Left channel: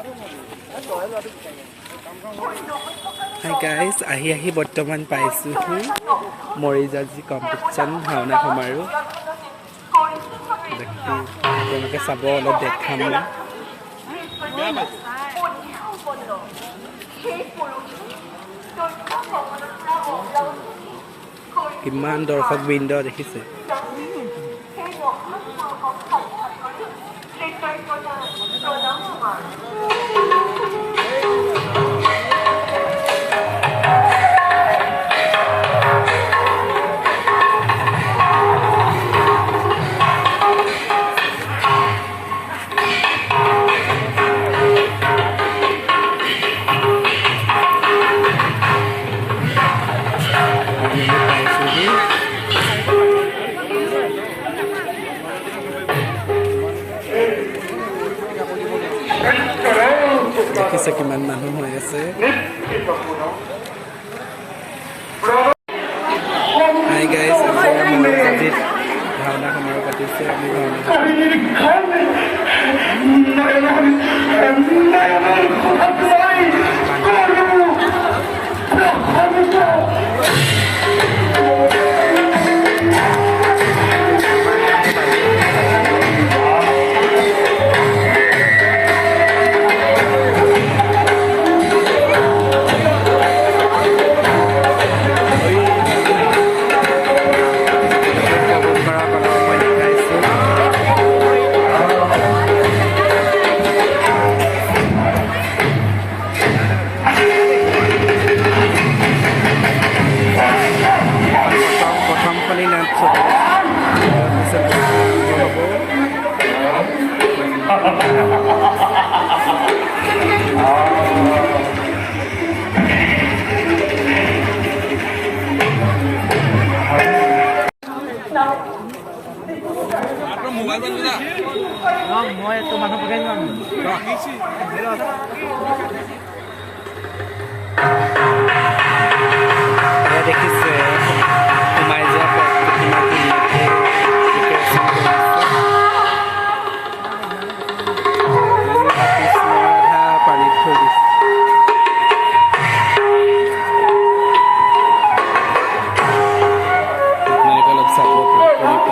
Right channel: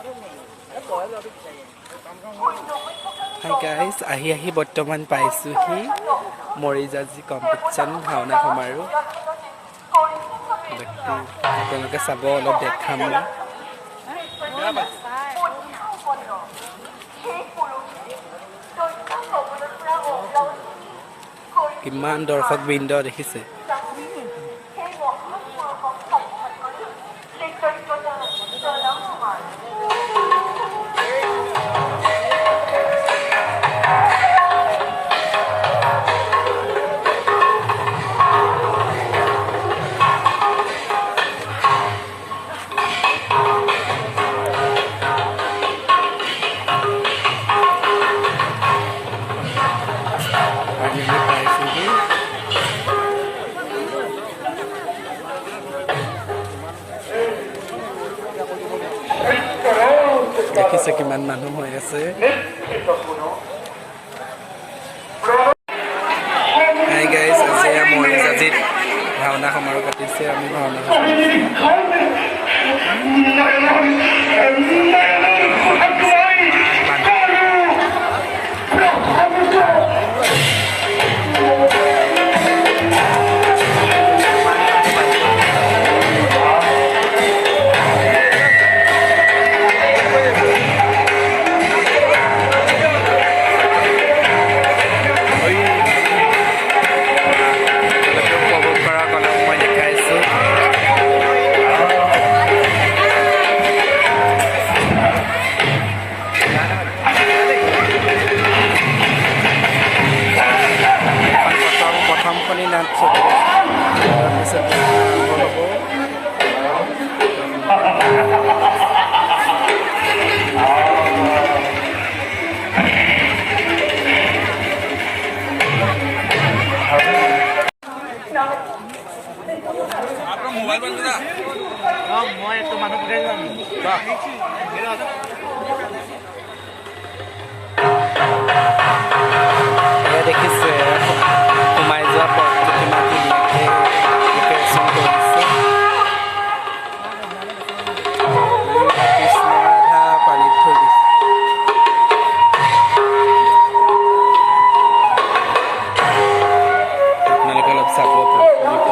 Hi guys, ahi বৰ্তমান পাইছোহি মৰিজাজি competition ভাওনা সমাৰোহ আপোনালোকে চাব অলপ দেখাম কিমান দৰ্শক বৃন্দ দেখিছে দেখিছে কিমান মানুহ হৈ আছে হাই গাইজ আজি মৰিজাজিত ভাওনা সমাৰোহ পাতিছে আমি ভাওনা প্ৰথমখনি নাট তাৰপিছত আৰম্ভ হ'ব মোবাইল বন্ধ না মই একো মানুহ দেখিছে সোমাই যোৱা পথটো কিমান ধুনীয়াকৈ ডেকৰেশ্যন কৰিছে কৃষ্ণ ৰাধা পানীত থৈ দিছে আপোনালোকে অলপ চাব পাৰিব